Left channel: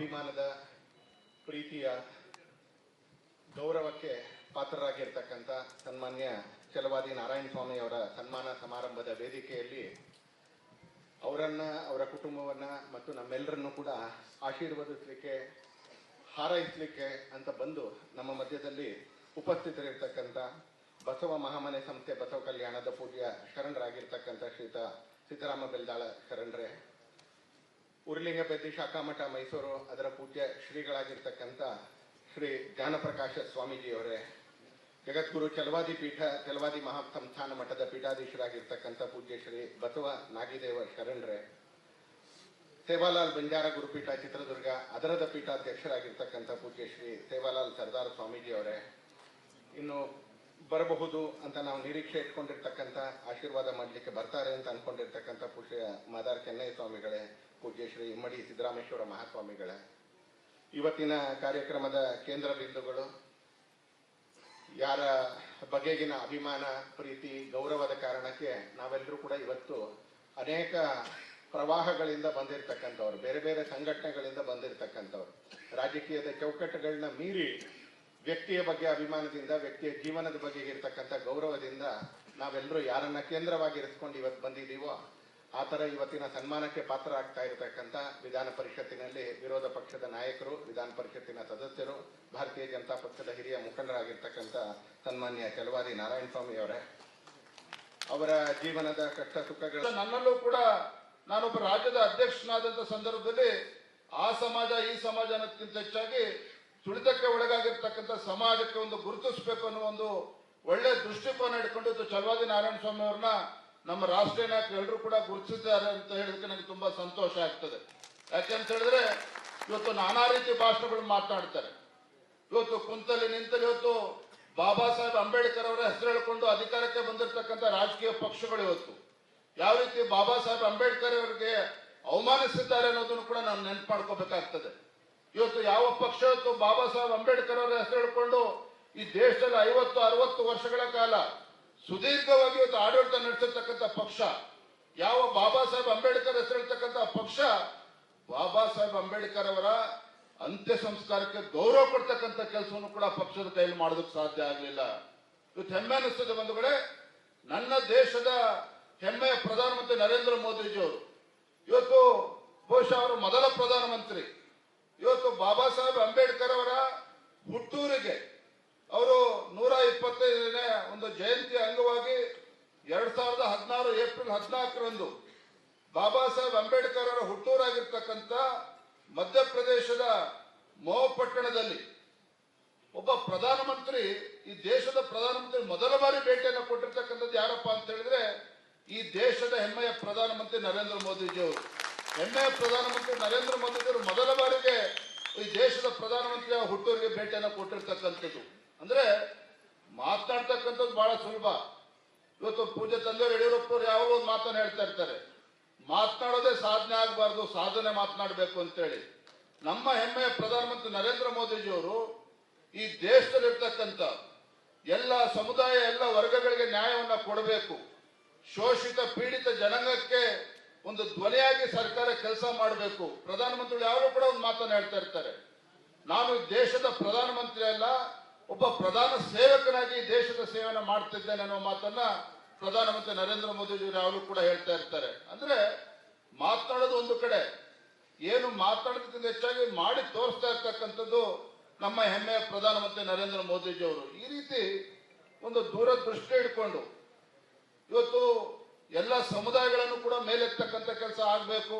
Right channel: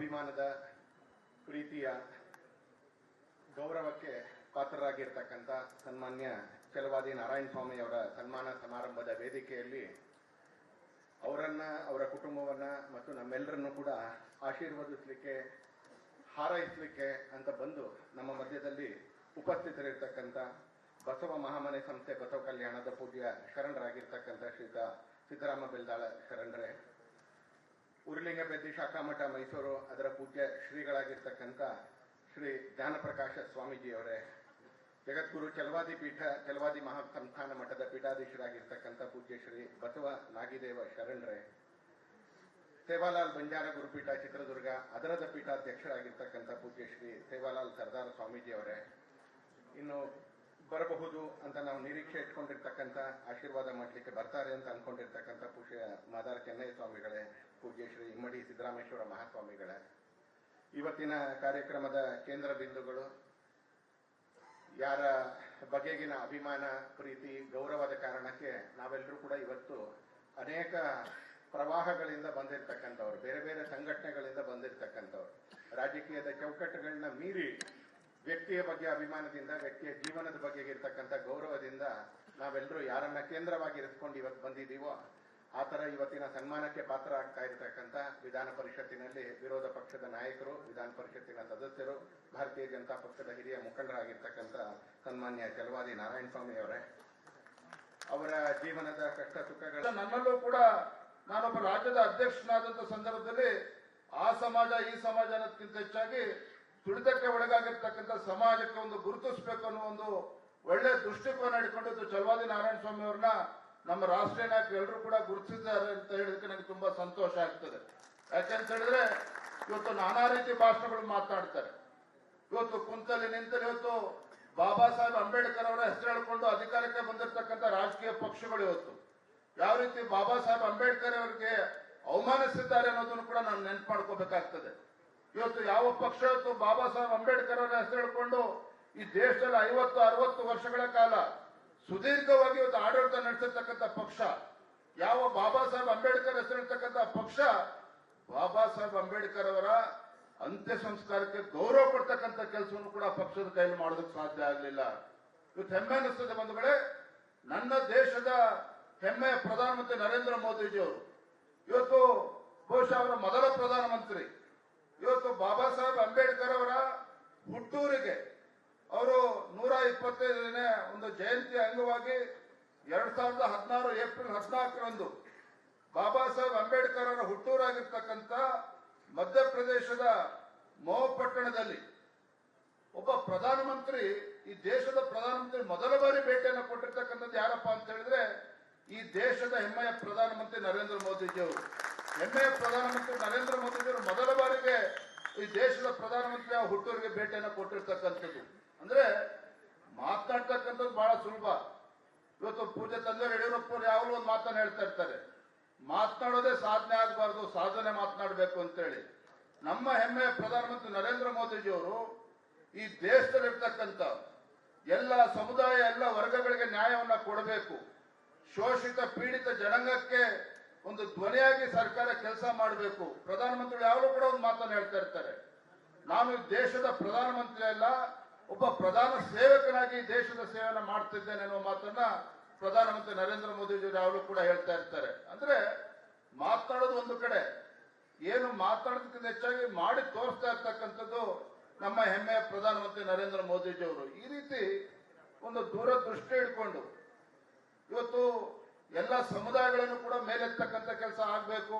ಅಭಿಮಾನದ ಪ್ರೀತಿಯ ಗೌರವಕ್ಕೆ ಪಾತ್ರರಾಗಿರ್ತಕ್ಕಂಥ ಸನ್ಮಾನ್ಯ ಛಲವಾದಿ ನಾರಾಯಣ ಸ್ವಾಮಿ ಅವರ ಸನ್ಮಾನ ಸಮಾರಂಭದ ವೇದಿಕೆಯಲ್ಲಿ ಅವರನ್ನ, ಅವರ ಕುಟುಂಬವನ್ನ ಮತ್ತು ನಮ್ಮೆಲ್ಲರನ್ನು ಕೂಡ ಆಶೀರ್ವದಿಸಲಿಕ್ಕೆ, ಹಾರೈಸಲಿಕ್ಕೆ ಅಂತ ಬಂದು ನಮ್ಮ ಮಧ್ಯದಲ್ಲಿ ಉಪಸ್ಥಿತರಿರ್ತಕ್ಕಂಥ ಬಸವ ಮಹಾಮನೆ ಸಂಸ್ಥೆ ಬಸವ ಕಲ್ಯಾಣದ ಪೂಜ್ಯ ಶರಣರಾಗಿರ್ತಕ್ಕಂಥ ಶ್ರೀತ ಸಿದ್ದರಾಮ ಬೆಲ್ದಾಳ ಶರಣರೇ, ಉರುಲಿಂಗಪೇತಿ ಶಾಖಾಮಠ ಮೈಸೂರು ಅದರ ಪೂಜ್ಯ ಶ್ರೀಗಳಾಗಿರ್ತಕ್ಕಂಥ ಶ್ರೀ ಜ್ಞಾನಪ್ರಕಾಶ ಸ್ವಾಮೀಜಿಯವರೇ, ಜಗದ್ಗುರು ಛಲವಾದಿ ಪೀಠ ಛಲವಾದಿ ಮಹಾ ಸಂಸ್ಥಾನ ಮಠದ ಪೀಠಾಧೀಶರಾಗಿರ್ತಕ್ಕಂಥ ಪೂಜ್ಯ ಶ್ರೀ ಬಸವ ನಾಗಿದೇವ ಶರಣರೇ, ಸೇವಾಲಾಲ್ ಬಂಜಾರ ಗುರುಪೀಠ ಚಿತ್ರದುರ್ಗ ಅದರದ ಪೀಠಾಧ್ಯಕ್ಷರಾಗಿರ್ತಕ್ಕಂಥ ಪೂಜ್ಯ ಶ್ರೀ ಸೇವಾಲಾಲ್ ಸರ್ದಾರ್ ಸ್ವಾಮೀಜಿಯವರೇ, ಇನ್ನು ಬರಬಹುದು ಅಂತ ನಾವು ನಿರೀಕ್ಷೆ ಇಟ್ಕೊಂಡಿರ್ತಕ್ಕಂಥ, ಆಶೀರ್ವಾದ ಮಾಡಲಿಕ್ಕೆ ಬರ್ತಾರೆ ಅಂತ ಅನ್ಕೊಂಡಿರ್ತಕ್ಕಂಥ ಪೂಜ್ಯ ಮಾದಾರ್ ಕೆನ್ನಯ್ಯ ಸ್ವಾಮಿಗಳೇ, ಪೂಜ್ಯ ಶ್ರೀ ಇಮ್ಮಡಿ ಸಿದ್ದರಾಮೇಶ್ವರ ಮಹಾಸ್ವಾಮಿಗಳೇ, ಇವತ್ತಿನ ಕಾರ್ಯಕ್ರಮದ ಕೇಂದ್ರ ಬಿಂದುಗಳು, ಯಾರ ಬಗೆಗಿನ ಅಭಿಮಾನ, ಪ್ರೀತಿ, ಗೌರವದ ಕಾರಣಕ್ಕೆ ನಾವೆಲ್ಲರೂ ಕೂಡ ಇವತ್ತು ಅನೇಕ ಪ್ರವಾಹಗಳಿಂದ ಬಂದಿರತಕ್ಕಂಥವ್ರು, ಬೇರೆ ಬೇರೆ ಸಂಘಟನೆಗಳಿಂದ ಬಂದಿರತಕ್ಕಂಥವ್ರು, ರಾಜಕೀಯದ ಚೌಕಟ್ಟುಗಳನ್ನ ಮೀರಿ ವ್ಯಕ್ತಿಯ ಬಗ್ಗೆ ಅಭಿಮಾನದಿಂದ, ವ್ಯಕ್ತಿಯ ಜೀವನದ ಬಗ್ಗೆ ಇರ್ತಕ್ಕಂಥ ಗೌರವದಿಂದ ನಾವೆಲ್ಲರೂ ಯಾರನ್ನ ಕೇಂದ್ರವಾಗಿ ಇರಿಸ್ಕೊಂಡು ಇವತ್ತು ಬಂದಿದ್ದೀವೋ ಆ ಥರ ಇವತ್ತಿನ ಸನ್ಮಾನಕ್ಕೆ ಪಾತ್ರ ಆಗ್ತಾ ಇರತಕ್ಕಂಥ ವಿಧಾನ ಪರಿಷತ್ತಿನಲ್ಲಿ ವಿರೋಧ ಪಕ್ಷದ ನಾಯಕರು, ವಿಧಾನ ಪರಿಷತ್ತಿನ ಸದಸ್ಯರು, ಭಾರತೀಯ ಜನತಾ ಪಕ್ಷದ ಹಿರಿಯ ಮುಖಂಡರಾಗಿರ್ತಕ್ಕಂಥ ಸನ್ಮಾನ್ಯ ಛಲವಾದಿ ನಾರಾಯಣ ಸ್ವಾಮಿ ಅವರೇ, ಅವರ ಜೀವನದ ಕಷ್ಟ ಸುಖಗಳು, ನನ್ನಲ್ಲೂ ಕೂಡ ನಾನೊಬ್ಬ ರಾಜ್ಯದ ಅಧ್ಯಕ್ಷನಾದಂತ ಸಂದರ್ಭದಲ್ಲಿ ಆ ಸಮಾಜ ಈ ಸಮಾಜ ಅನ್ನೋದಕ್ಕಿಂತ ಹೆಚ್ಚಾಗಿ ತುಳಿತಕ್ಕೆ ಒಳಗಾಗಿರ್ತಕ್ಕಂಥ ಸಮಾಜಕ್ಕೆ ಒಂದು ಗುರುತಿಸಬೇಕು ಅನ್ನೋ ಒಂದು ಒಳ್ಳೆ ದೃಷ್ಟಿಕೋನ ಇಟ್ಕೊಂಡು ಛಲವಾದಿ ನಾರಾಯಣ ಸ್ವಾಮಿ ಅವ್ರನ್ನ ನಮ್ಮ ರಾಷ್ಟ್ರೀಯ ನಾಯಕರು ಎಲ್ಲರೂ ಕೂಡ ಗುರುತಿಸಿದ್ದಾರೆ ಅಂತ ಹೇಳಿದಕ್ಕೆ ನನಗೆ ತುಂಬಾ ಸಂತೋಷ ಆಗ್ತದೆ. ಯಾಕೆಂತ ಹೇಳಿದ್ರೆ ಇವತ್ತು ನಾನಾ ರೀತಿ ಭಾಷಣಗಳು ಮಾತನಾಡ್ತಾರೆ. ಇವತ್ತು ಕುಂತಲ್ಲಿ ನಿಂತಲ್ಲಿ ಇವತ್ತು ಬಾಬಾ ಸಾಹೇಬ್ ಅಂಬೇಡ್ಕರ್ ಅವರ ಹೆಸರು ಹೇಳಿಕೊಂಡು ಅಧಿಕಾರಕ್ಕೆ ಬಂದಿರತಕ್ಕಂಥ ರಾಜಕೀಯ ಪಕ್ಷಗಳು ಇವತ್ತು ಯಾವ ರೀತಿ ಬಾಬಾ ಸಾಹೇಬ್ ಅಂಬೇಡ್ಕರ್ ಅವರಿಗೆ ಅವಮಾನಿಸಿದ್ದಾರೆ ಅನ್ನೋದನ್ನು ಕೂಡ ನಾನು ನೆನಪು ಮಾಡ್ಕೋಬೇಕಾಗ್ತದೆ. ಇವತ್ತು ಯಾವ ಪಕ್ಷ ಇವತ್ತು ಬಾಬಾ ಸಾಹೇಬ್ ಅಂಬೇಡ್ಕರ್ ಅವರ ಹೆಸರು ಹೇಳಿಕೊಂಡು ಈ ದೇಶದಲ್ಲಿ 50-60 ವರ್ಷಗಳ ಕಾಲ ಸುದೀರ್ಘವಾಗಿ ಇವತ್ತು ಆಡಳಿತ ನಡೆಸಿರ್ತಕ್ಕಂಥ ಪಕ್ಷ ಯಾವ ಬಾಬಾ ಸಾಹೇಬ್ ಅಂಬೇಡ್ಕರ್ ಹೆಸರು ಹೇಳ್ತಕ್ಕಂಥ ಪಕ್ಷ, ಬಾಬಾ ಸಾಹೇಬ್ ಅಂಬೇಡ್ಕರ್ ಅವರ ಅಂತ್ಯ ಸಂಸ್ಕಾರಕ್ಕೆ ಗೌರವ ಕೊಡ್ತಕ್ಕಂಥ ಕೆಲಸವನ್ನು ಕೂಡ ಪಕ್ಷದ ಕೈಲಿ ಮಾಡೋದಕ್ಕೆ ಸಾಧ್ಯ ಆಗಲಿಲ್ಲ. ಇವತ್ತು ಹೆಮ್ಮೆ ಅನಿಸ್ತದೆ ಒಂದು ಕಡೆ, ನನ್ನ ದೇಶದ ಹೆಮ್ಮೆಯ ಪ್ರಧಾನಮಂತ್ರಿ ನರೇಂದ್ರ ಮೋದಿಜಿಯವರು ಇವತ್ತು ಬಹುಶಃ ಅವರ ಮೊದಲ ಪ್ರಧಾನಮಂತ್ರಿ. ಇವತ್ತು ಬಾಬಾ ಸಾಹೇಬ್ ಅಂಬೇಡ್ಕರ್ ಅವರ ಹುಟ್ಟೂರಿಗೆ ಅವರು 125ನೇ ಒಂದು ಜಯಂತಿ ಅಂಗವಾಗಿ 2016 ಏಪ್ರಿಲ್ 14ರಂದು ಬಾಬಾ ಸಾಹೇಬ್ ಅಂಬೇಡ್ಕರ್ ಅವರ ಹುಟ್ಟೂರಾಗಿರ್ತಕ್ಕಂಥ ಮಧ್ಯಪ್ರದೇಶದ ಮಹೋ ಪಟ್ಟಣದಲ್ಲಿ ಒಬ್ಬ ಪ್ರಧಾನಮಂತ್ರಿ, ಈ ದೇಶದ ಪ್ರಧಾನಮಂತ್ರಿ ಮೊದಲ ಬಾರಿ ಭೇಟಿಯನ್ನು ಕೊಟ್ಟಿರ್ತಕ್ಕಂಥದ್ದು ಯಾರಪ್ಪ ಅಂತ ಹೇಳಿದ್ರೆ ಈ ದೇಶದ ಹೆಮ್ಮೆಯ ಪ್ರಧಾನಮಂತ್ರಿ ನರೇಂದ್ರ ಮೋದಿಜಿಯವರು. ಹೆಮ್ಮೆಯ ಪ್ರಧಾನಮಂತ್ರಿ ನರೇಂದ್ರ ಮೋದಿಜಿಯವರು ಮೊದಲ ಬಾರಿಗೆ ಈ ದೇಶದ ಪ್ರಧಾನಮಂತ್ರಿ ಹುಟ್ಟೂರಿಗೆ ಭೇಟಿಯನ್ನು ಕೊಟ್ಟಿರ್ತಕ್ಕಂಥದ್ದು. ಅಂದ್ರೆ ಮಾತನಾಡ್ತಕ್ಕಂಥದ್ದು ಬಹಳ ಸುಲಭ. ಇವತ್ತು ಪೂಜೆ ತಂದೆಯವರು ಯಡಿಯೂರಪ್ಪರು ಯಾವಾಗಲೂ ಒಂದು ಮಾತನ್ನ ಹೇಳ್ತಾ ಇರ್ತಾರೆ, ಮಾತನಾಡೋದೇ ಸಾಧನೆ ಆಗಬಾರ್ದು, ಸಾಧನೆ ಮಾತನಾಡಬೇಕು ಅಂತೇಳಿ. ನಮ್ಮ ಹೆಮ್ಮೆಯ ಪ್ರಧಾನಮಂತ್ರಿ ನರೇಂದ್ರ ಮೋದಿಜಿಯವರು ಈ ದೇಶದಲ್ಲಿರ್ತಕ್ಕಂಥ ಎಲ್ಲ ಸಮುದಾಯ, ಎಲ್ಲ ವರ್ಗಗಳಿಗೆ ನ್ಯಾಯವನ್ನ ಕೊಡಬೇಕು, ಶೋಷಿತ ಪೀಡಿತ ಜನಾಂಗಕ್ಕೆ ಒಂದು ಧ್ವನಿಯಾಗಿ ಸರ್ಕಾರ ಕೆಲಸ ಮಾಡಬೇಕು. ಪ್ರಧಾನಮಂತ್ರಿಗಳು ಯಾರು ಕೂಡ ಒಂದು ಮಾತನ್ನ ಹೇಳ್ತಾ ಇರ್ತಾರೆ, ನಾನು ಈ ದೇಶದ ಪ್ರಧಾನಮಂತ್ರಿ ಅಲ್ಲ, ಒಬ್ಬ ಪ್ರಧಾನ ಸೇವಕನಾಗಿ ದೇಶದ ಸೇವೆಯನ್ನು ಮಾಡ್ತಿದ್ದೇನೆ ಅನ್ನುವ ಮಾತನ್ನ ಪ್ರಧಾನಮಂತ್ರಿ ನರೇಂದ್ರ ಮೋದಿಜಿಯವರು ಯಾವಾಗಲೂ ಕೂಡ ಹೇಳ್ತಾ ಇರ್ತಾರೆ. ಅಂದ್ರೆ ಮಾತನಾಡೋದು ಒಂದು ಕಡೆ, ಏನು ಮಾತನಾಡೋದಕ್ಕಿಂತ ಹೆಚ್ಚಾಗಿ ಮಾಡಿ ತೋರಿಸ್ತಾ ಇರ್ತಕ್ಕಂಥದ್ದು ನಮ್ಮ ಹೆಮ್ಮೆಯ ಪ್ರಧಾನಮಂತ್ರಿ ನರೇಂದ್ರ ಮೋದಿಜಿಯವರು. ಈ ರೀತಿ ಒಂದು ದೂರದೃಷ್ಟಿ ಇಟ್ಕೊಂಡು ಇವತ್ತು ಎಲ್ಲ ಸಮುದಾಯಗಳನ್ನು ಕೂಡ ಮೇಲೆತ್ತಕ್ಕಂಥ ಕೆಲಸ ಆಗಬೇಕು.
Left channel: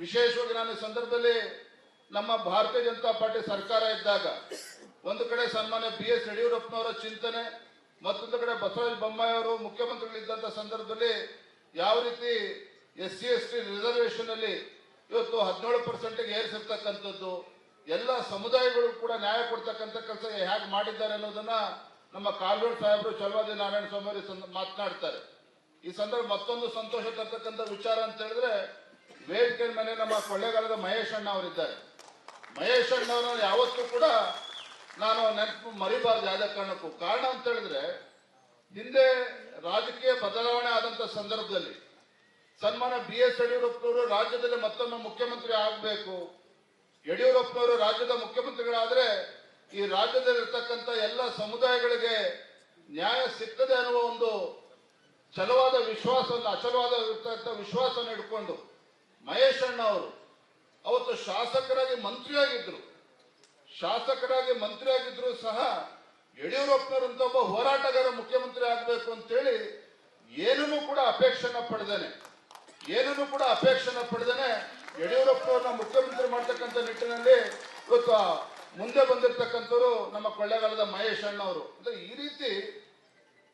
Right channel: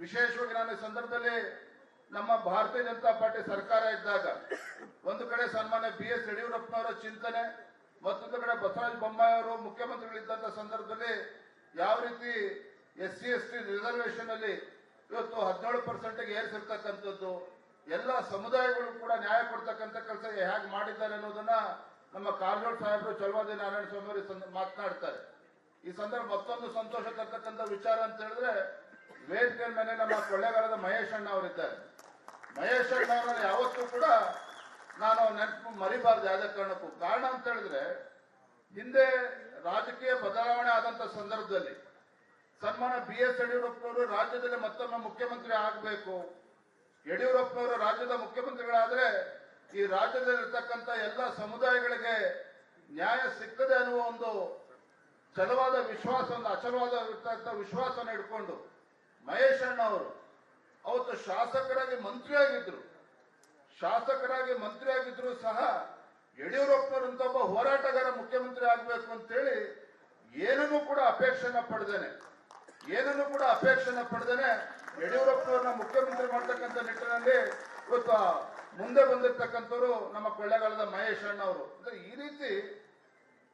ವಿಶೇಷವಾಗಿ ನಾನು ಈ ಸಂದರ್ಭದಲ್ಲಿ ನಮ್ಮ ಭಾರತೀಯ ಜನತಾ ಪಾರ್ಟಿ ಸರ್ಕಾರ ಇದ್ದಾಗ ಒಂದು ಕಡೆ ಸನ್ಮಾನ್ಯ BS ಯಡಿಯೂರಪ್ಪನವರ ಚಿಂತನೆ, ಮತ್ತೊಂದು ಕಡೆ ಬಸವರಾಜ ಬೊಮ್ಮಾಯಿ ಅವರು ಮುಖ್ಯಮಂತ್ರಿಗಳಿದ್ದಂಥ ಸಂದರ್ಭದಲ್ಲಿ ಯಾವ ರೀತಿ SC/ST ರಿಸರ್ವೇಶನ್ ಅಲ್ಲಿ ಇವತ್ತು 17% ಏರಿಸಿರ್ತಕ್ಕಂಥದ್ದು, ಎಲ್ಲ ಸಮುದಾಯಗಳು ಕೂಡ ನ್ಯಾಯ ಕೊಡ್ತಕ್ಕಂಥ ಕೆಲಸ ಹೇಗೆ ಮಾಡಿದ್ದಾರೆ ಅನ್ನೋದನ್ನ ನಮ್ಮ ಕಾಲ್ವೋಡ್ ಸಾಹೇಬರು ಛಲವಾದಿ ನಾರಾಯಣ ಸ್ವಾಮಿ ಅವರು ಮಾತನಾಡ್ತಾರೆ. ಈ ಸಂದರ್ಭ ಮತ್ತೊಂದು ಸಂತೋಷ ತರ್ತಕ್ಕಂಥ ವಿಚಾರ ಅಂತ ಹೇಳಿದ್ರೆ ವೇದಿಕೆ ಮೇಲೆ ನಮ್ಮ ಕೊಳ್ಳೇಗಾಲದ ಮಹೇಶ್ ಅಣ್ಣ ಅವರಿದ್ದಾರೆ. ಮಹೇಶ್ ಅಣ್ಣವರನ್ನ ಯಾವತ್ತೂ ಕೂಡ ನಾನು ನೆನಪು ಮರಿಬಾರ್ದು ಯಾವುದೇ ಕಾರಣಕ್ಕೂ. ಕಾರಣ ಅಂತ ಹೇಳಿದ್ರೆ ಹಿಂದೆ ರಾಜಕೀಯ ಬದಲಾವಣೆ ಆದಂತ ಸಂದರ್ಭದಲ್ಲಿ ಸನ್ಮಾನ್ಯ BS ಯಡಿಯೂರಪ್ಪನವರು ರಾಜ್ಯದಲ್ಲಿ ಮತ್ತೊಮ್ಮೆ ಮುಖ್ಯಮಂತ್ರಿ ಆಗಬೇಕು, ಯಡಿಯೂರಪ್ಪನವರು ರಾಜ್ಯದ ಮುಖ್ಯಮಂತ್ರಿಗಳಾದ್ರೆ ಈ ರಾಜ್ಯದಲ್ಲಿರ್ತಕ್ಕಂಥ ಎಲ್ಲ ಸಮುದಾಯಗಳಿಗೆ ನ್ಯಾಯ ಸಿಗ್ತದೆ ಅನ್ನುವ ಒಂದು ಛಲವಾದ ವಿಶ್ವಾಸವನ್ನು ಅಚಲವಾದ ವಿಶ್ವಾಸವನ್ನು ಇಟ್ಕೊಂಡು ಮಹೇಶ್ ಅಣ್ಣ ಅವರು ಅವತ್ತು ಶಾಸಕರಾಗಿ ಮಂತ್ರಿ ಆಗಿದ್ರು ಸಹ ಯಡಿಯೂರಪ್ಪನವರಂತ ಒಬ್ಬ ಹೋರಾಟಗಾರ ಮುಖ್ಯಮಂತ್ರಿ ಆಗಬೇಕು ಅಂತೇಳಿ ಏನನ್ನು ಕೂಡ ಅಪೇಕ್ಷೆನ ಪಡೆದೇನೆ ಯಡಿಯೂರಪ್ಪನವ್ರನ್ನ ಮುಖ್ಯಮಂತ್ರಿ ಮಾಡ್ತಕ್ಕಂಥ ನಿಟ್ಟಿನಲ್ಲಿ ಇವತ್ತು ಮುಂದೆ ಬಂದಿರತಕ್ಕಂಥವ್ರು ನಮ್ಮ ಕೊಳ್ಳೇಗಾಲದ ಮಹೇಶ್ ಅಣ್ಣ ಅವರು. ಈ ರೀತಿ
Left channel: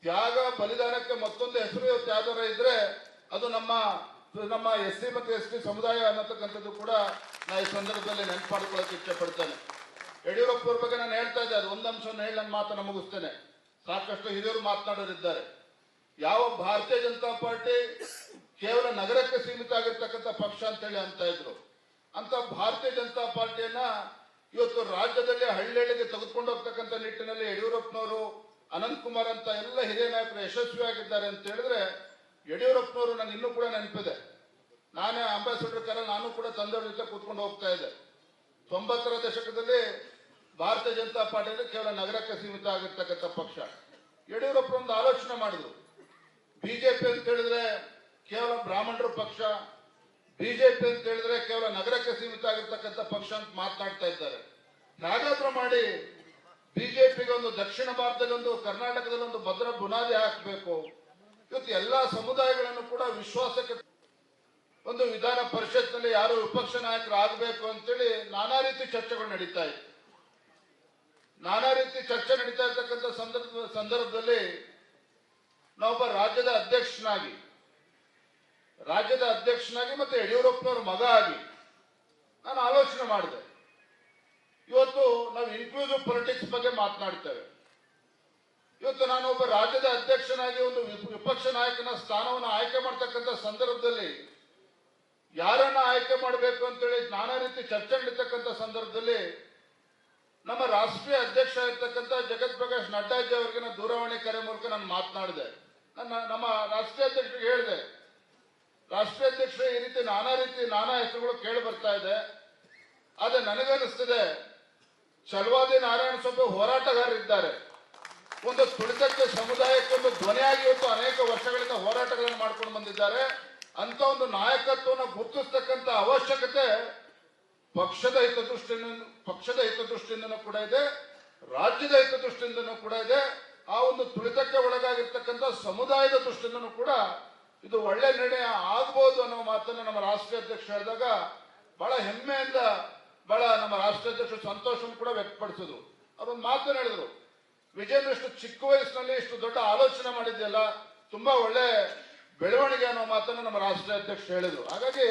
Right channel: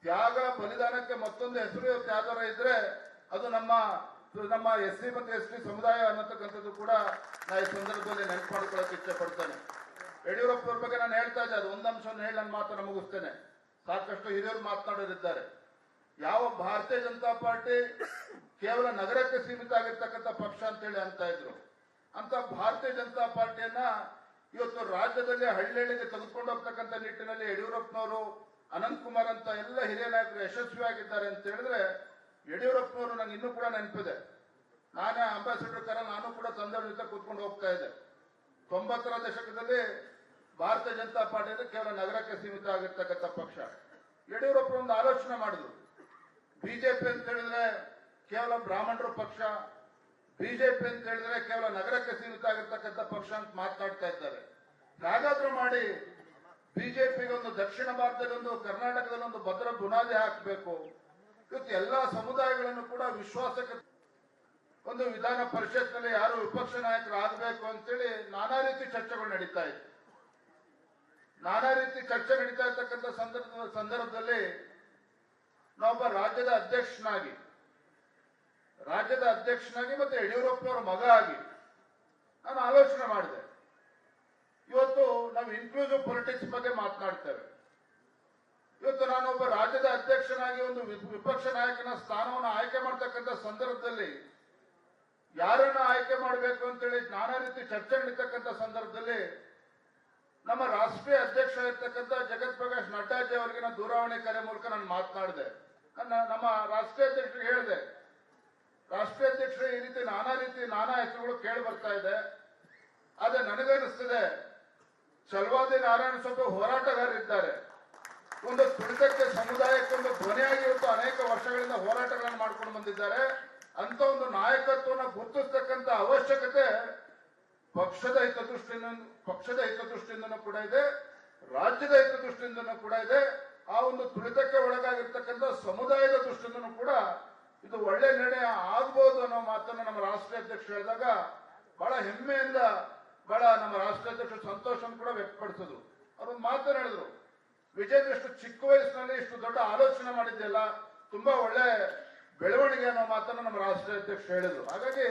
ತ್ಯಾಗ ಬಲಿದಾನಕ್ಕೆ ಮತ್ತೊಂದು ಹೆಸರು ಯಾವ್ದಾರ ಇದ್ರೆ ಅದು ನಮ್ಮ SC ಮತ್ತು ST ಸಮುದಾಯ ಅನ್ನತಕ್ಕಂಥದ್ದು ಕೂಡ ನಾನು ಈ ಸಂದರ್ಭದಲ್ಲಿ ನೆನಪು ಮಾಡ್ಕೊಳ್ಳೋಕೆ ಇಚ್ಛೆ ಪಡ್ತೇನೆ. ಯಡಿಯೂರಪ್ಪನವ್ರ ಬಗ್ಗೆ ನಾನು ಹೇಳ್ತಾ ಇದ್ದೆ, ಅದು ಒಂದು ಅಂಶವನ್ನು ಹೇಳಿ ನನ್ನ ಮಾತನ್ನು ಮುಗಿಸ್ತೇನೆ. ಸಾಕಷ್ಟು ಹಿರಿಯರು ಮಾತನಾಡೋರಿದ್ದಾರೆ. ಯಾವ ಭಾರತೀಯ ಜನತಾ ಪಾರ್ಟಿ ಕೇವಲ ನಗರಕ್ಕೆ ಸೀಮಿತ ಆಗಿರ್ತಕ್ಕಂಥ ಪಕ್ಷ ಅಂತ ಹೇಳಿ ಅಂತ ಇದ್ರು, ಅಂತ ಭಾರತೀಯ ಜನತಾ ಪಾರ್ಟಿಯನ್ನ ಇವತ್ತು ರಾಜ್ಯದಲ್ಲಿ ಹಳ್ಳಿಗೆ ತೆಗೆದುಕೊಂಡು ಹೋಗ್ತಕ್ಕಂಥ ನಿಟ್ಟಿನಲ್ಲಿ ಯಡಿಯೂರಪ್ಪನವರು, ಅನಂತಕುಮಾರ್ ಅಂತ ಎಲ್ಲ ಹಿರಿಯ ನಾಯಕರು ಯಶಸ್ವಿಯಾಗಿದ್ದಾರೆ ಅಂತ ಹೇಳಿದ್ರೆ, ಯಡಿಯೂರಪ್ಪನವರು ನನಗೆ ಇನ್ನೂ ಕೂಡ ನೆನಪಿದೆ. ನಾನೇ ಅಂಬಾಸಿಡರ್ ಕಾರಲ್ಲಿ ನಾನು ಕೂಡ ತಂದೆಯವ್ರ ಜೊತೆ ಕೂತ್ಕೊಂಡು ಹೋಗ್ತಾ ಇದ್ದೆ. 90ರ ದಶಕದಲ್ಲಿ ಭಾರತೀಯ ಜನತಾ ಪಾರ್ಟಿ ಕೇವಲ ನಗರಕ್ಕೆ ಸೀಮಿತ ಆಗಿರ್ತಕ್ಕಂಥ ಪಕ್ಷ. ಯಡಿಯೂರಪ್ಪ ಒಂದು ಆಲೋಚನೆ ಮಾಡಿದ್ರು, ಬಿಜೆಪಿ ಅಂತ ಹೇಳಿದ್ರೆ ಕೇವಲ ಬ್ರಾಹ್ಮಣರ ಪಕ್ಷ, ಬಿಜೆಪಿ ಅಂತ ಹೇಳಿದ್ರೆ ಕೇವಲ ನಗರಕ್ಕೆ ಸೀಮಿತ ಆಗಿರ್ತಕ್ಕಂಥ ಪಕ್ಷ ಅಂತ ಮಾತನಾಡ್ತಾ ಇದ್ದಾರೆ. ಹಾಗಾದ್ರೂ ಮಾಡಿ ಬಿಜೆಪಿಗೆ ಒಂದು ದಕ್ಷಿಣ ಭಾರತದಲ್ಲಿ ಒಂದು, ಕರ್ನಾಟಕದಲ್ಲಿ ಒಂದು ಭದ್ರ ಬುನಾದಿ ಹಾಕಬೇಕು. ಇವತ್ತು ಎಲ್ಲಾ ಸಮುದಾಯಗಳನ್ನು ಕೂಡ ವಿಶ್ವಾಸಕ್ಕೆ ಒಂದು ವಿಧಾನ ಪರಿಷತ್ನಲ್ಲಿ ಯಾರು ವಿಪಕ್ಷ ನಾಯಕರು ಆಗಬೇಕು ಅಂತೇಳಿ ನಾನಾ ರೀತಿ ಚರ್ಚೆಗಳು ನಡೀತಾ ಇದೆ. ನಾನಾ ರೀತಿ ಚರ್ಚೆ ನಡೀತಾ ಇರ್ತಕ್ಕಂಥ ಸಂದರ್ಭದಲ್ಲಿ ನಾವೊಬ್ಬ ರಾಜ್ಯದ ಅಧ್ಯಕ್ಷನಾಗಿ ಮತ್ತೆ ಯಡಿಯೂರಪ್ಪನವರ ಮಗ ಆಗಿ ನಾನು ಆಲೋಚನೆ ಮಾಡಿದೆ. ಇವತ್ತು ನಾವು ಇನ್ಕ್ಲೂಸಿವ್ ಪೊಲಿಟಿಕ್ಸ್ ಬಗ್ಗೆ ಮಾತನಾಡ್ತೇವೆ. ಇವತ್ತು ನಾನೊಬ್ಬ ರಾಜ್ಯದ ಅಧ್ಯಕ್ಷನಾಗಿ ಒಂದು ವಿಪಕ್ಷ ನಾಯಕನ ಸ್ಥಾನವನ್ನು ಆಯ್ಕೆ ಮಾಡ್ತಕ್ಕಂಥ ಸಂದರ್ಭದಲ್ಲಿ ಯಾರನ್ನ ಆಯ್ಕೆ ಮಾಡಬೇಕು ಅಂತೇಳಿ ನಾನಾ ರೀತಿ ಚರ್ಚೆ ನಡೀತಕ್ಕಂಥ ಸಂದರ್ಭದಲ್ಲಿ ನಮ್ಮ ರಾಷ್ಟ್ರೀಯ ಅಧ್ಯಕ್ಷ ಆಗಿರ್ತಕ್ಕಂಥ ಜಗತ್ ಪ್ರಕಾಶ್ ನಡ್ಡಾಜಿ ಅವರಿಗೆ ನಾನು ದೂರವಾಣಿ ಕರೆ ಮೂಲಕ ನಾನು ಮಾತನಾಡಿದೆ. ನಮ್ಮ ರಾಷ್ಟ್ರೀಯ ಅಧ್ಯಕ್ಷರಿಗೆ ಹೇಳಿದೆ, ರಾಷ್ಟ್ರೀಯ ಅಧ್ಯಕ್ಷರೇ ಈ ರೀತಿ ನಾನಾ ಹೆಸರುಗಳು ಕೇಳಿ ಬರ್ತಾ ಇದೆ. ಆದ್ರೆ ನನಗನ್ನಿಸ್ತಿದೆ, ಚಲವಾದಿ ನಾರಾಯಣ ಸ್ವಾಮಿ ಹೋರಾಟಗಾರರಿದ್ದಾರೆ, ಒಂದು ತುಳಿತಕ್ಕೆ ಸಮುದಾಯಕ್ಕೆ ಒಂದು ಧ್ವನಿಯಾಗಿ ಇವತ್ತು ಅನೇಕ ವರ್ಷಗಳಿಂದ ಹೋರಾಟಗಳನ್ನು ಮಾಡ್ಕೊಂಡು ಬಂದಿದ್ದಾರೆ. ಅಂತ ಒಂದು ನಾಯಕತ್ವವನ್ನು ಗುರುತಿಸ್ತಕ್ಕಂಥ ಅವಶ್ಯಕತೆ ಪಕ್ಷದ ಹಿತದೃಷ್ಟಿಯಿಂದನೂ ಕೂಡ ಇದೆ, ರಾಜ್ಯದ ಹಿತದೃಷ್ಟಿಯಿಂದನೂ ಕೂಡ ಇದೆ. ಆ ಒಂದು ತುಳಿತಕ್ಕೆ ಒಳಗಾಗಿರ್ತಕ್ಕಂಥ ಸಮುದಾಯದ ದೃಷ್ಟಿಯಿಂದನೂ ಕೂಡ ಇದು ಒಳ್ಳೆ ನಿರ್ಣಯ ಆಗ್ಬೋದು ಅನ್ನೋ ಮಾತನ್ನು ನಮ್ಮ ರಾಷ್ಟ್ರೀಯ ಅಧ್ಯಕ್ಷರು ಹೇಳಿದಾಗ ಬಹಳ ಹೆಮ್ಮೆಯಿಂದ ನಮ್ಮ ರಾಷ್ಟ್ರೀಯ ಅಧ್ಯಕ್ಷರು ಸಂತೋಷವನ್ನು ಕೂಡ ವ್ಯಕ್ತಪಡಿಸಿದ್ರು. ಅವ್ರು ಒಂದು ಮಾತನ್ನು ಹೇಳಿದ್ರು, ವಿಜೇಂದ್ರ ಇಷ್ಟು ಚಿಕ್ಕ ವಯಸ್ಸಿನಲ್ಲಿ ಇಷ್ಟು ದೊಡ್ಡ ಆಲೋಚನೆ ಮಾಡಿದ್ದೆಲ್ಲ ತುಂಬಾ ಒಳ್ಳೆ ಬೆಳವಣಿಗೆ ಅನ್ನೋ ಮಾತನ್ನು ನಮ್ಮ ರಾಷ್ಟ್ರೀಯ ಅಧ್ಯಕ್ಷರು ಹೇಳಿದ್ರು. ಹಾಗಾಗಿ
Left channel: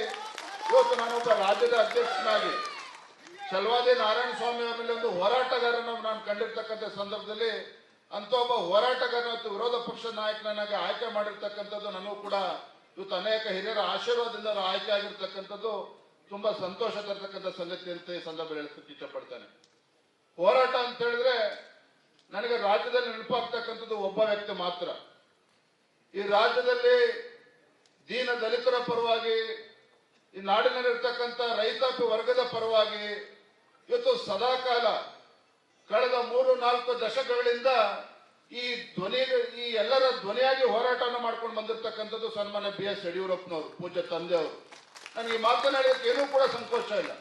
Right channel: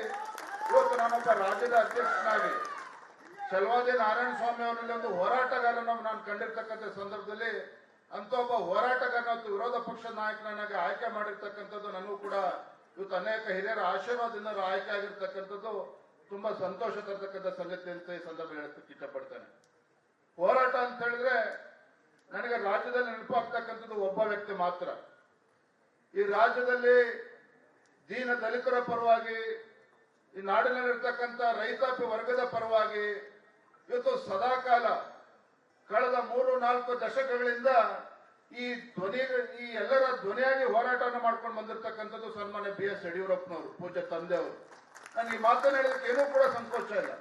ಇವತ್ತು ನಾನೊಬ್ಬ ರಾಜ್ಯದ ಅಧ್ಯಕ್ಷನಾಗಿ ಚಲವಾದಿ ನಾರಾಯಣ ಸ್ವಾಮಿ ಅವರಲ್ಲಿ ಒಂದು ಹೋರಾಟಗಾರನ ನಾನು ಕಂಡಿರ್ತಕ್ಕಂಥ ಸಂದರ್ಭದಲ್ಲಿ ಅಂತ ಒಬ್ಬ ಹೋರಾಟಗಾರನ ಮತ್ತು ವಿರೋಧ ಪಕ್ಷದ ನಾಯಕನಾಗಿ ಆಯ್ಕೆ ಮಾಡಿರ್ತಕ್ಕಂಥದ್ದು ನನಗೂ ಕೂಡ ಇವತ್ತು ಅನೇಕ ಹಿರಿಯರ ಆಶೀರ್ವಾದದಿಂದ ಆಯ್ಕೆ ಆಗಿರ್ತಕ್ಕಂಥದ್ದು ತುಂಬಾ ಸಂತೋಷ ತರ್ತಕ್ಕಂಥ ಸಂಗತಿ ಅಂತ ಈ ಸಂದರ್ಭ ಹೇಳಕ್ಕೆ ಇಷ್ಟಪಡ್ತೇನೆ. ಹೋರಾಟ ಅಂತ ಹೇಳಿದ್ರೆ ನನಗೆ ರಾಜ್ಯದಲ್ಲಿ ನೆನಪಾಗ್ತಕ್ಕಂಥದ್ದು ಒಬ್ಬ ವ್ಯಕ್ತಿ ಮಾತ್ರ. ಈ ರಾಜ್ಯದಲ್ಲಿ ದೀನ ದಲಿತರ ಪರವಾಗಿ, ಈ ನಾಡಿನಲ್ಲಿರ್ತಕ್ಕಂಥ ರೈತಾಪಿ ವರ್ಗದ ಪರವಾಗಿ ಇವತ್ತು ಸದಾಕಾಲ ಕಳೆದ 3-4 ದಶಕಗಳಿಂದ ಈ ಎಲ್ಲರ ಧ್ವನಿಯಾಗಿ ಹೋರಾಟವನ್ನು ಮಾಡ್ಕೊಂಡು ಬಂದಿರತಕ್ಕಂಥದ್ದು ಸನ್ಮಾನ್ಯ BS ಯಡಿಯೂರಪ್ಪನವರು, ಪೂಜ್ಯ ತಂದೆಯವರು. ನನಗೆ ಈ ಮಾತನಾಡೋದಕ್ಕೆ ಏನೂ ಕೂಡ ಸಂಕೋಚ ಇಲ್ಲ.